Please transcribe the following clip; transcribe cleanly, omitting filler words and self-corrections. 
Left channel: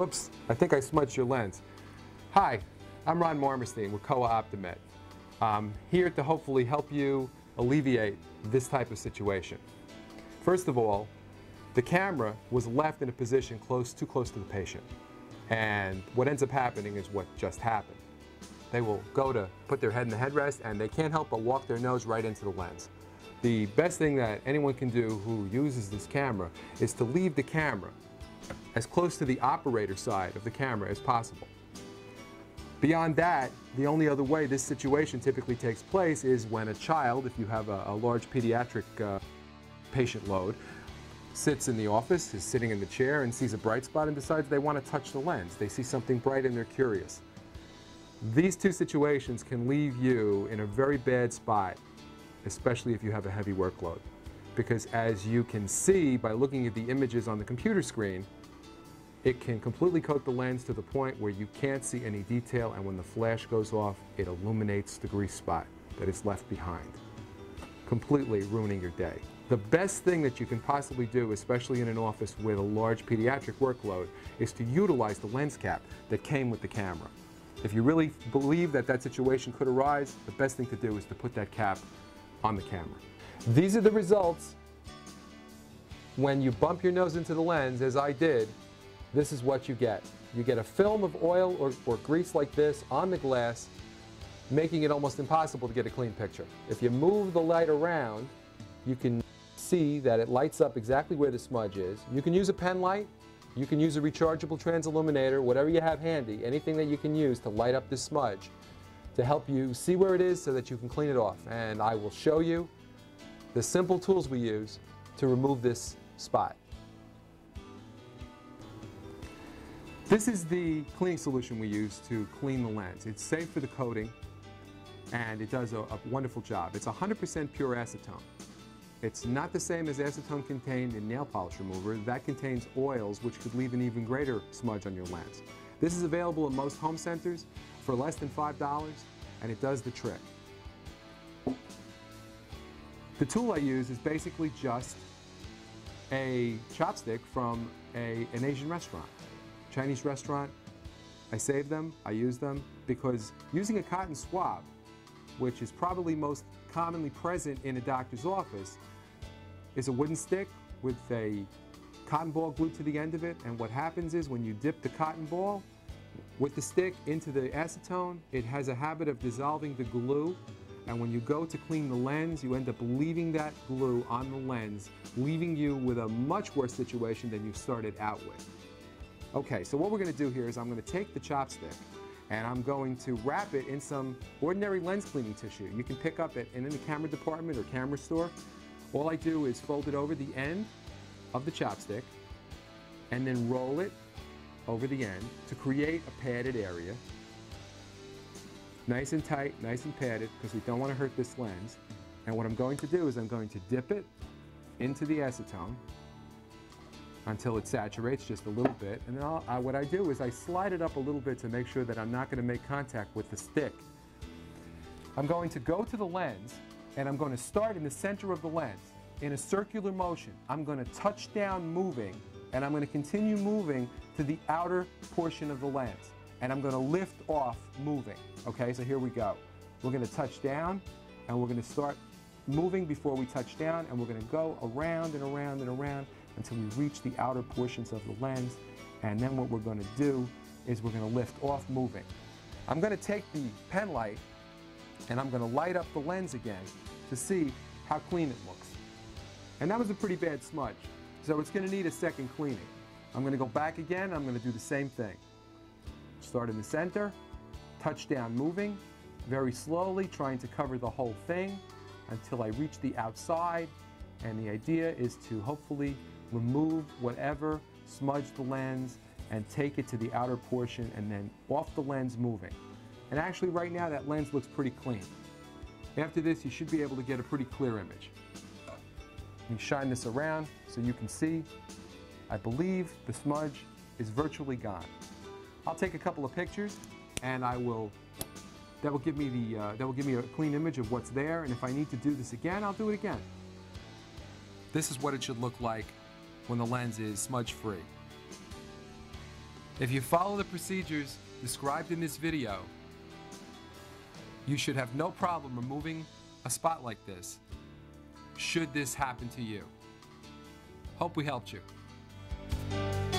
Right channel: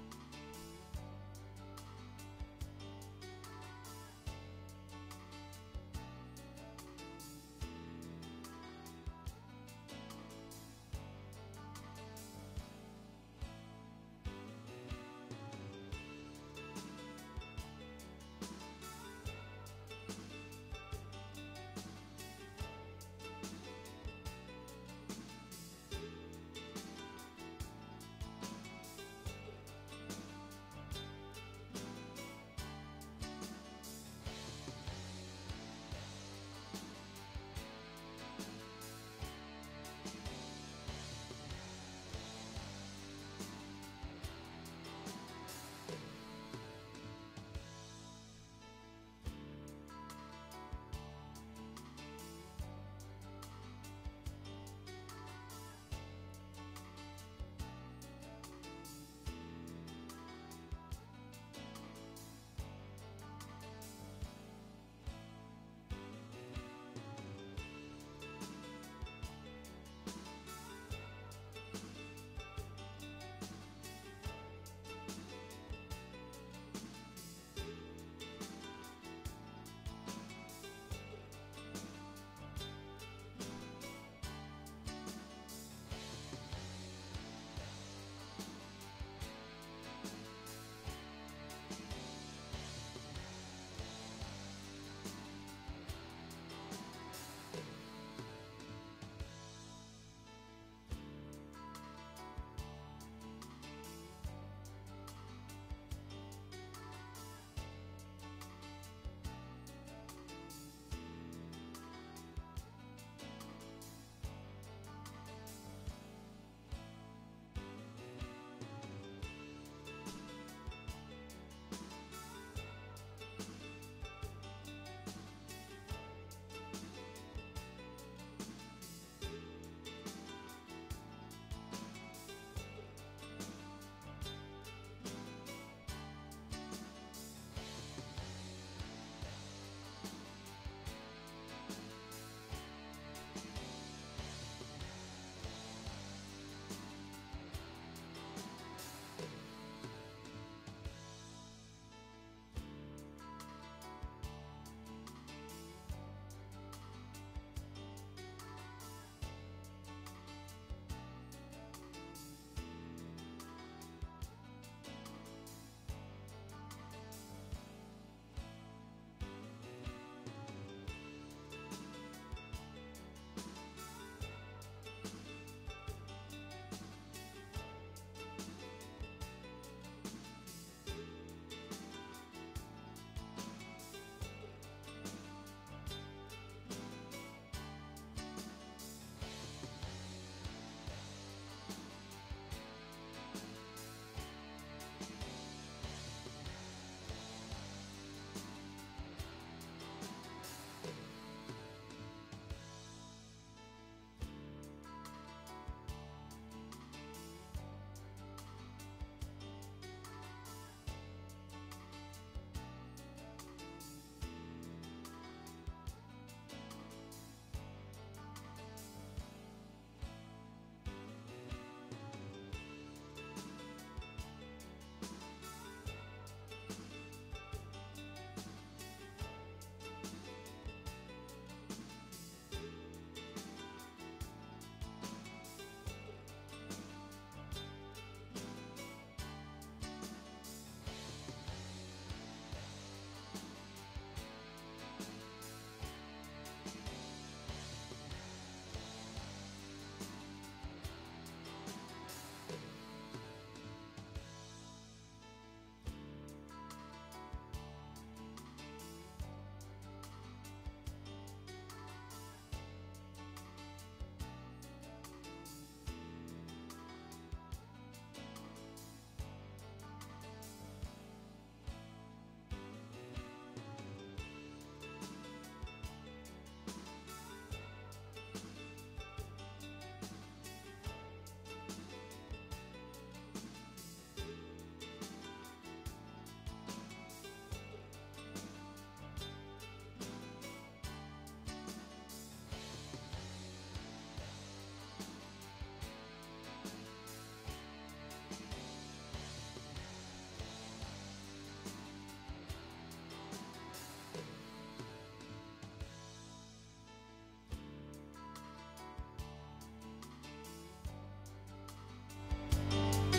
Whoops, I think I smudged your lens. Hi, I'm Ron Marmerstein with Kowa Len. I'm here to hopefully help you alleviate this type of situation. First of all, the camera was left in a position too close to the patient. And what ends up happening is what just happened. They will go to put their head in the headrest and they can't help but walk their nose right into the lens. The best thing that anyone can do who uses this camera is to leave the camera as close to the operator side of the camera as possible. Beyond that, the only other way this situation typically takes place is when a child, if you have a large pediatric patient load, sits in the office, is sitting in the chair and sees a bright spot and decides they want to touch the lens. They see something bright and they're curious. These two situations can leave you in a very bad spot, especially if you have a heavy workload. Because as you can see by looking at the images on the computer screen, it can completely coat the lens to the point where you can't see any detail, and when the flash goes off, it illuminates the grease spot that is left behind, completely ruining your day. The best thing that you can possibly do, especially in an office with a large pediatric workload, is to utilize the lens cap that came with the camera. If you really believe that that situation could arise, the best thing to do is to put that cap on the camera. These are the results when you bump your nose into the lens, as I did. This is what you get. You get a film of oil or grease like this on the glass, making it almost impossible to get a clean picture. If you move the light around, you can see that it lights up exactly where the smudge is. You can use a pen light, you can use a rechargeable transilluminator, whatever you have handy, anything that you can use to light up this smudge to help you see where it is so that you can clean it off. And I will show you the simple tools we use to remove this spot. This is the cleaning solution we use to clean the lens. It's safe for the coating and it does a wonderful job. It's 100% pure acetone. It's not the same as acetone contained in nail polish remover. That contains oils which could leave an even greater smudge on your lens. This is available in most home centers for less than $5 and it does the trick. The tool I use is basically just a chopstick from an Asian restaurant. Chinese restaurant. I save them, I use them, because using a cotton swab, which is probably most commonly present in a doctor's office, is a wooden stick with a cotton ball glued to the end of it, and what happens is when you dip the cotton ball with the stick into the acetone, it has a habit of dissolving the glue, and when you go to clean the lens, you end up leaving that glue on the lens, leaving you with a much worse situation than you started out with. Okay, so what we're going to do here is I'm going to take the chopstick and I'm going to wrap it in some ordinary lens cleaning tissue. You can pick up in the camera department or camera store. All I do is fold it over the end of the chopstick and then roll it over the end to create a padded area. Nice and tight, nice and padded, because we don't want to hurt this lens. And what I'm going to do is I'm going to dip it into the acetone until it saturates just a little bit, and then what I do is I slide it up a little bit to make sure that I'm not going to make contact with the stick. I'm going to go to the lens and I'm going to start in the center of the lens in a circular motion. I'm going to touch down moving and I'm going to continue moving to the outer portion of the lens, and I'm going to lift off moving. Okay, so here we go. We're going to touch down and we're going to start moving before we touch down, and we're going to go around and around and around until we reach the outer portions of the lens, and then what we're going to do is we're going to lift off moving. I'm going to take the pen light and I'm going to light up the lens again to see how clean it looks. And that was a pretty bad smudge, so it's going to need a second cleaning. I'm going to go back again, I'm going to do the same thing. Start in the center, touch down moving, very slowly trying to cover the whole thing until I reach the outside, and the idea is to hopefully remove whatever smudged the lens and take it to the outer portion and then off the lens moving. And actually right now that lens looks pretty clean. After this you should be able to get a pretty clear image. You shine this around so you can see. I believe the smudge is virtually gone. I'll take a couple of pictures and that will give me a clean image of what's there, and if I need to do this again, I'll do it again. This is what it should look like when the lens is smudge-free. If you follow the procedures described in this video, you should have no problem removing a spot like this, should this happen to you. Hope we helped you.